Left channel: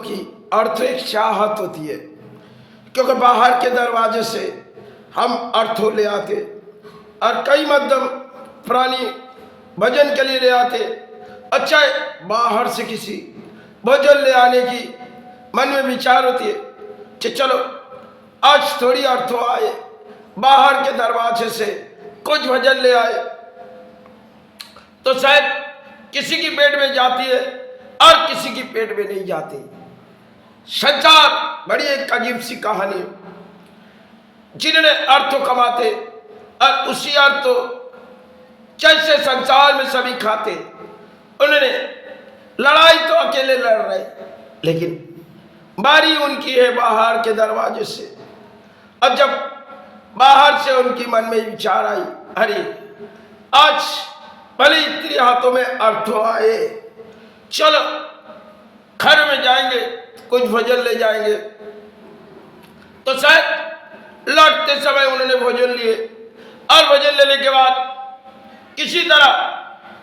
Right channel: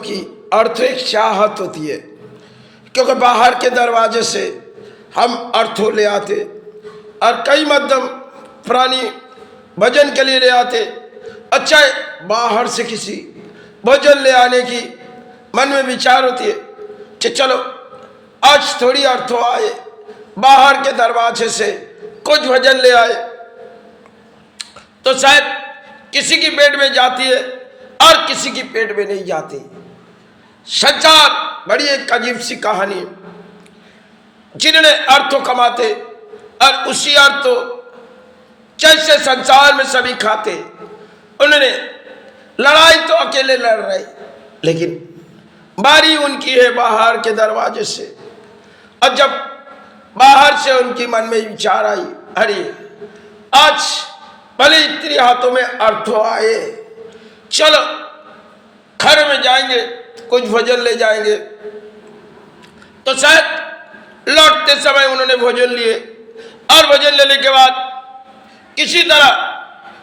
की आर्थिक चाहत होती है, क्योंकि बाहर के दरवाजे से हम अर्थों ले आते और कई मध्यम प्राणी भोजन के लिए ले आते। अच्छा, बाहर से किसी भोजन ले आने की मन में विचार होती है कि चलो आज थोड़ी अर्थों आए, बाहर के दरवाजे से कुछ भोजन ले आए, तो शायद किसी की पेट में जाती है और किसी की पेट में नहीं जाती। संसार बड़ी एक अजीब सी कहानी, जिन्होंने अर्थों कमाते और उसी अर्थों जैसे संसार में सभी खाते, उन्होंने लड़ाई तो अकेले लड़ रहे, लेकिन बारी उनकी है बाहर के दरवाजे से। और जब बाहर से उनकी मन में विचार आई, अरे आज भले इतनी हाथों में अर्थों आए, चलो घर में जाएंगे, कुछ भोजन ले जाएंगे। तो शायद लौटते समय उन्होंने भोजन लिए और भोजन लेने के बाद किसी तरह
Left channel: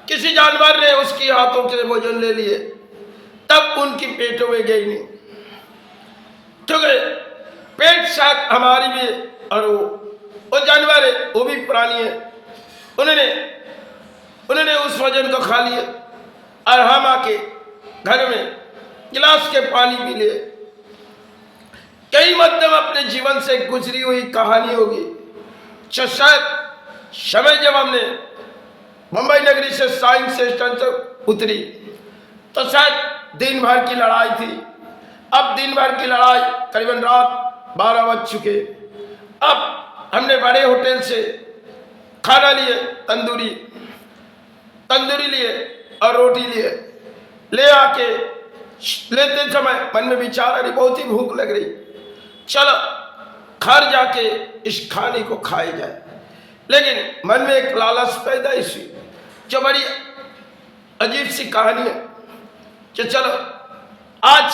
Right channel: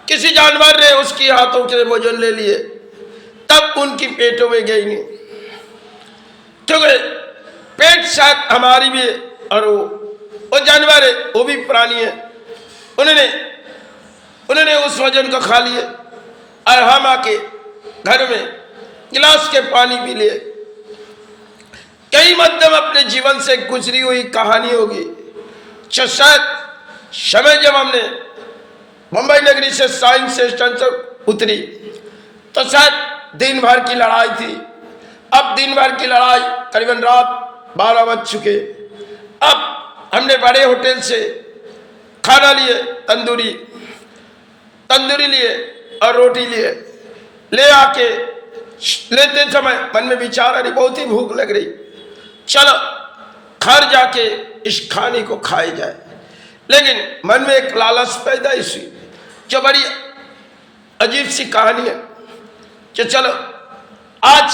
किसी जानवर ने उसकी हाथों से भोजन ले लिए, तब उनकी पेटों में गई नहीं, क्योंकि पेट शायद हमारी भी है और वो जानवर है, वो भी प्राणी है। उन्होंने उस भोजन को खा लिए और हम आके घर में गिलास के पानी पी लिए। कई मध्यम अपने जीवन से गुजरी हुई कहानी होगी, जो शायद समय जब हमने मुंबई नगरी से साइंस स्टेशन से उतरी तो शायद दिन भर की लड़ाई थी। अब दिन भर की लड़ाई करीबन रात 12 बज चुके। अब हमने बड़े होटल से खाना लिए, तंदूरी लिए और रोटी लिए। ले आके लेते समय मन में विचार, अरे बहुत ही भूख लग रही, चलो घर जाके इस खाने को खाई जाए। लेकिन मन में एक लालच पैदा हुई, जो बड़ी अजीब सी कहानी है कि चलो आज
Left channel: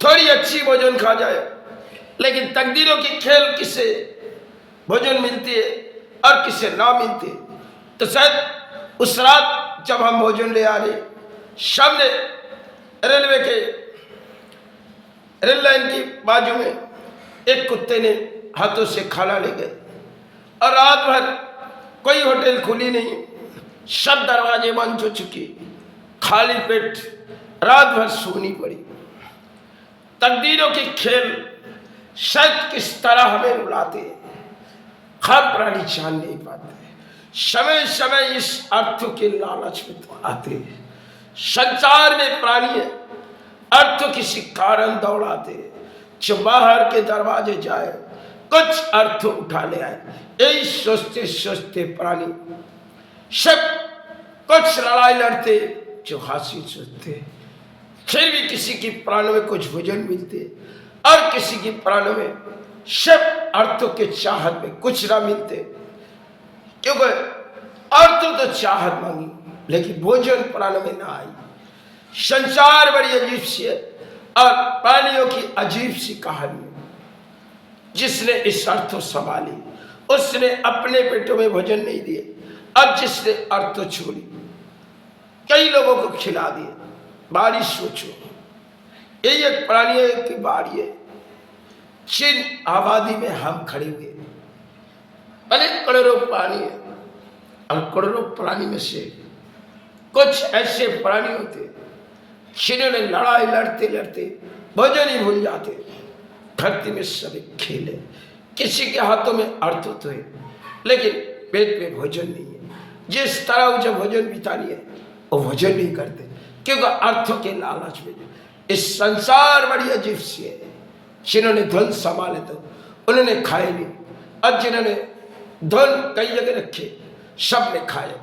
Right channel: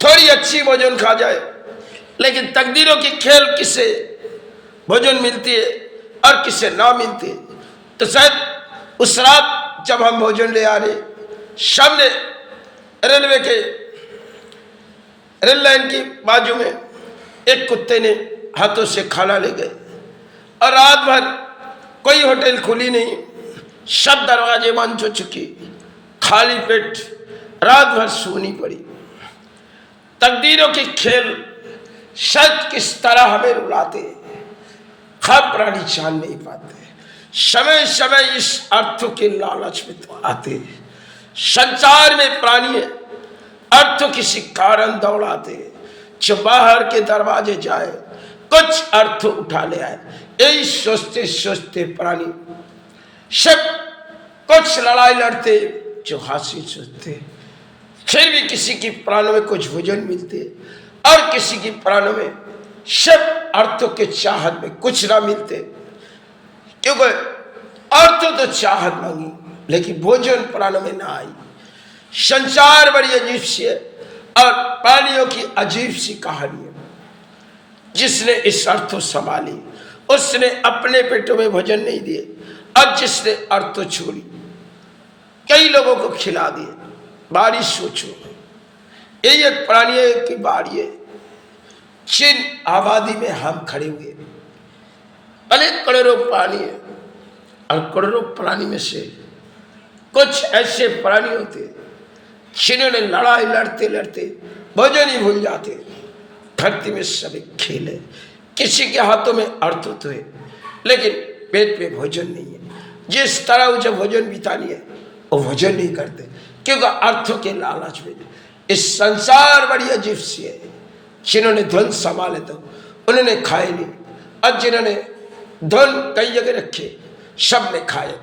थोड़ी अच्छी भोजन खा जाए। लेकिन तकदीरों की खेल, किसे भोजन मिलती है और किसे ना मिलती है। तो शायद उस रात जब हम भोजन ले आ रहे, सामने रेलवे के रेल लाइन की बाजू में एक कुत्ते ने हाथों से खाना ले गए और रात भर कोई होटल खुली नहीं, सब दरवाजे बंद हो चुकी, खाली पेट रात भर सोनी पड़ी। तकदीरों की खेल शायद किस तरह हमें रुलाते, हम प्राणी जान नहीं पाते। समय समय इस अर्थों के लालच में तो आते। संसार में प्राणी अर्थ किसी कारण दौड़ाते, जो बाहर के दरवाजे जाए कुछ अर्थ उठा ले आए। यही सोचते सोचते प्राणी सब कुछ लड़ाई लड़ते, जो हासिल सोचते, फिर भी किसी की प्राणों में कुछ भोजन मिलते और किसी की प्राणों में सब अर्थों के चाहत में कुछ ना मिलते। क्योंकि अर्थों तो चाहत मांगी, लेकिन भोजन प्राणों में ना आई। संसार बड़ी अजीब सी है और प्राणियों की अजीब सी कहानी है। जिसने इस अर्थों संभाली, उसने अपने पेटों में भोजन नहीं दिए, अब जिसने अर्थों छोड़ी कई लोगों को खिला दिए। बारिश सोचो, यही एक प्राणी की बारी है। चीन आबादी में हम खड़े हुए, अनेक करोड़ों प्राणी है और करोड़ों प्राणी में से कुछ ऐसे प्राणी होते जिन्होंने लड़ाई लड़ते लड़ते भोजन ही भूल जाते। धरती में सभी खेले, किसी के हाथों में अर्थ होते है, लेकिन पेट में भोजन नहीं है। जिस तरह उसे भोजन बितानी है वो भोजन नहीं करते, क्योंकि अर्थों के लालच में। इस संसार बड़ी अजीब सी है। जिन्होंने धन संभाले तो उन्होंने खाए नहीं, और जिन्होंने धन कई जगह रखे सब ने खाए।